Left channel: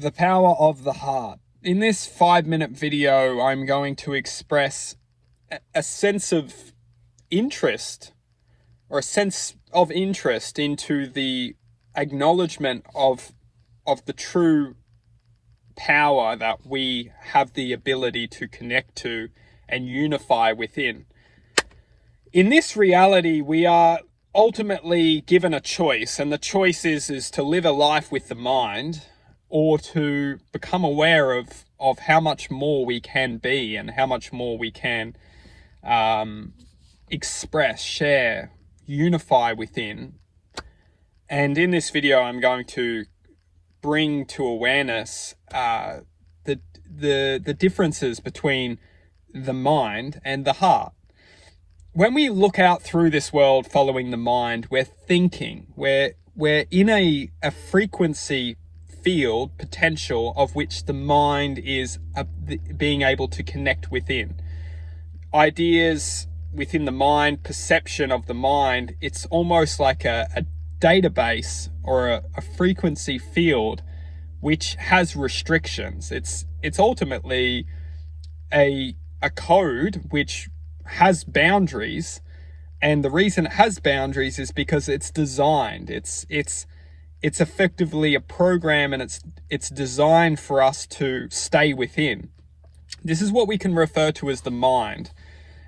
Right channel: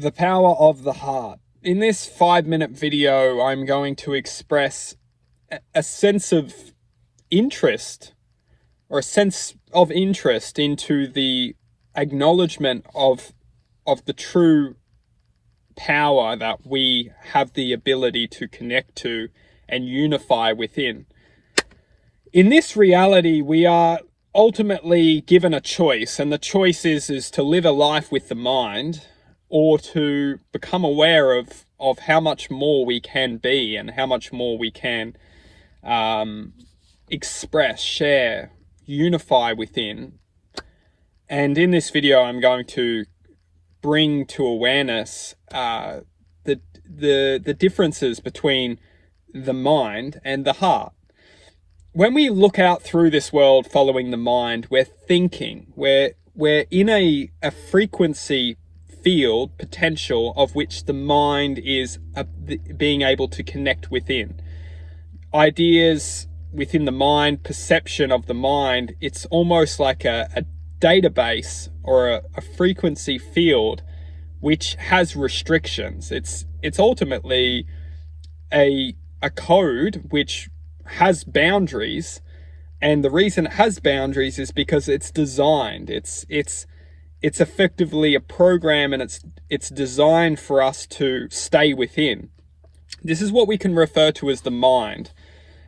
The power of the heart. In this 5-minute video, I'm going to express a sense of interest, or a sense of interest into the acknowledgement of the true power that we have the ability to connect to and unify within. In this reality, we are ultimately given a choice, and the choice is to live a life with the mind, or to become aware of how much more we can be and how much more we can express, share, unify within. And in this video, I'm going to bring to awareness the differences between the mind and the heart. When we look out through this world following the mind, we're thinking, we're in a frequency field potential of which the mind is being able to connect within. Ideas within the mind, perception of the mind, it's almost like a database or a frequency field which has restrictions. It's ultimately a code which has boundaries, and the reason it has boundaries is because it's designed. It's effectively a program, and it's designed for us to stay within. This is what we can refer to as the mind.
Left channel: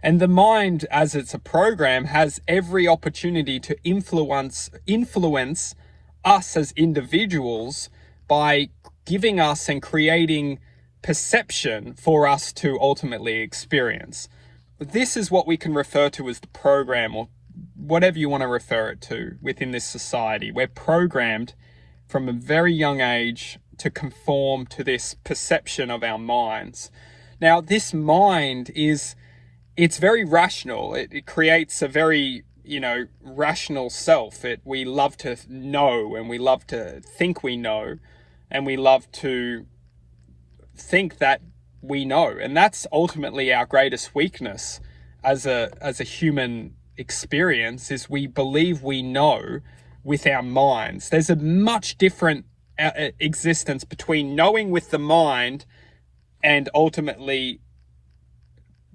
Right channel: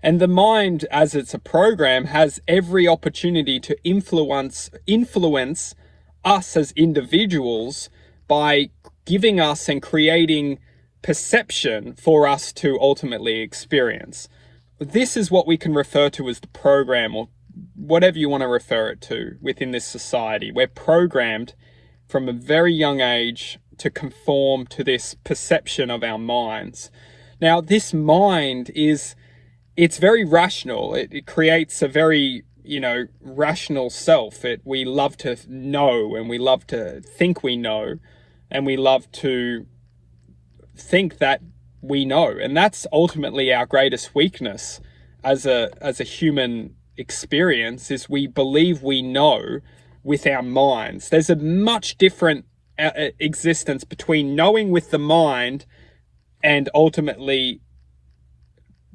And the mind, as it's a program, has every opportunity to influence us as individuals by giving us and creating perception for us to ultimately experience. This is what we can refer to as the program, or whatever you want to refer it to within this society. We're programmed from a very young age to conform to this perception of our minds. Now, this mind it's very rational. It creates a very, rational self. We love to know, and we love to think we know, and we love to think that we know. And that's ultimately our greatest weakness as a human experience, is we believe we know with our minds. There's a much different existence between knowing with the mind and ultimately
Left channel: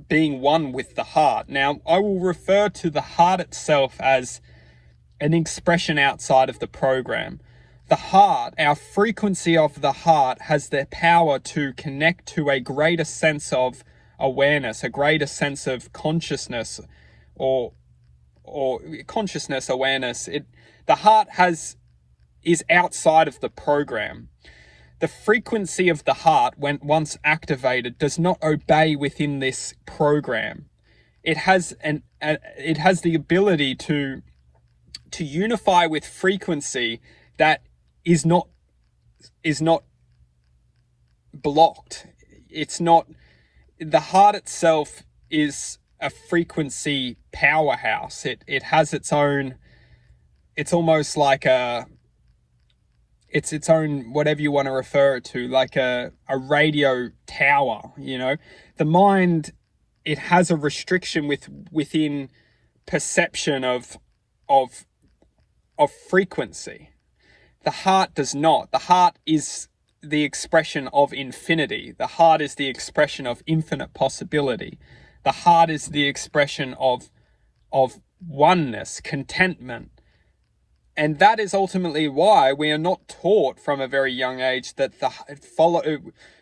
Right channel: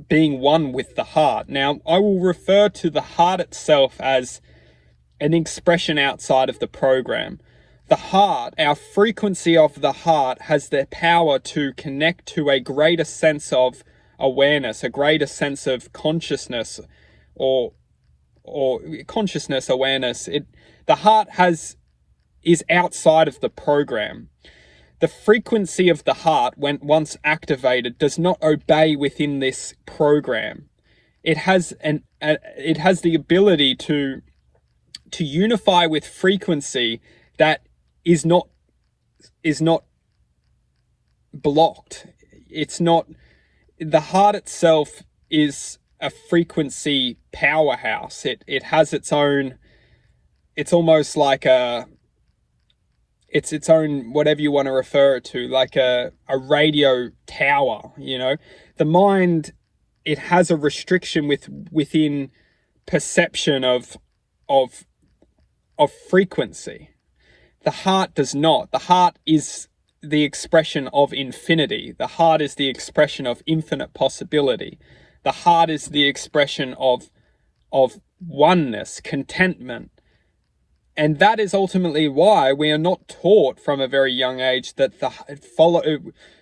being one with the heart. Now, I will refer to the heart itself as an expression outside of the program. The heart, our frequency of the heart, has the power to connect to a greater sense of awareness, a greater sense of consciousness, or consciousness awareness. The heart is outside of the program. The frequency of the heart, when once activated, does not obey within this program. It has the ability to unify with frequency that is not blocked. It's not. The heart itself is a frequency powerhouse. It has its own. It's almost like it's its own, whatever you want to refer it to, like a radio tower. The mind, it has a restriction within perception of frequency. The heart does not. The heart is the expression of infinity. The heart is the expression of infinite possibility. The heart is the expression of oneness, contentment. And that is ultimately why we are not taught from a very young age that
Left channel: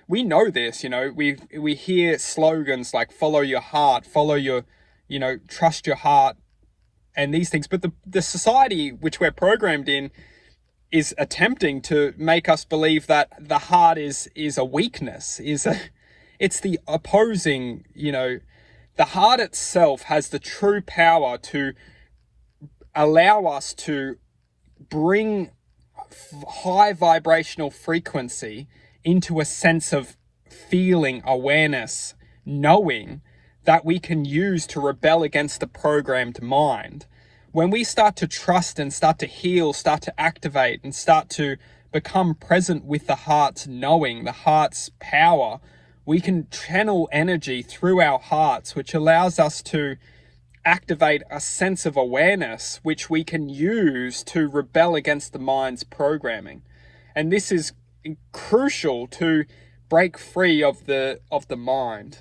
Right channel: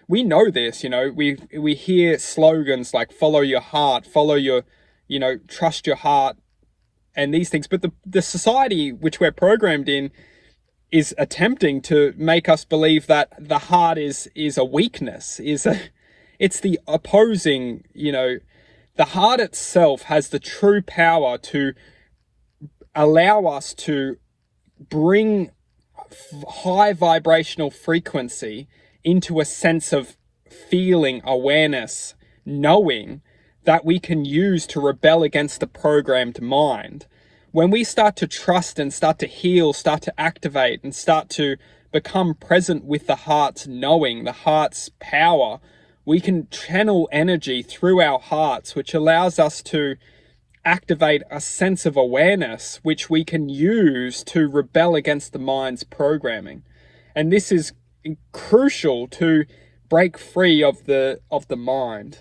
we know this, we hear slogans like follow your heart, follow your, trust your heart, and these things. But the society which we're programmed in is attempting to make us believe that the heart is a weakness, it's the opposing, the heart itself has the true power to allow us to bring high vibrational frequency into a sense of feeling, awareness, knowing that we can use to rebel against the programmed mind. When we start to trust and start to heal, start to activate, and start to become present with the heart's knowing, the heart's power, we can channel energy through our hearts, which allows us to activate a sense of awareness, which we can use to rebel against the mind's programming. And this is crucial to break free of the mind.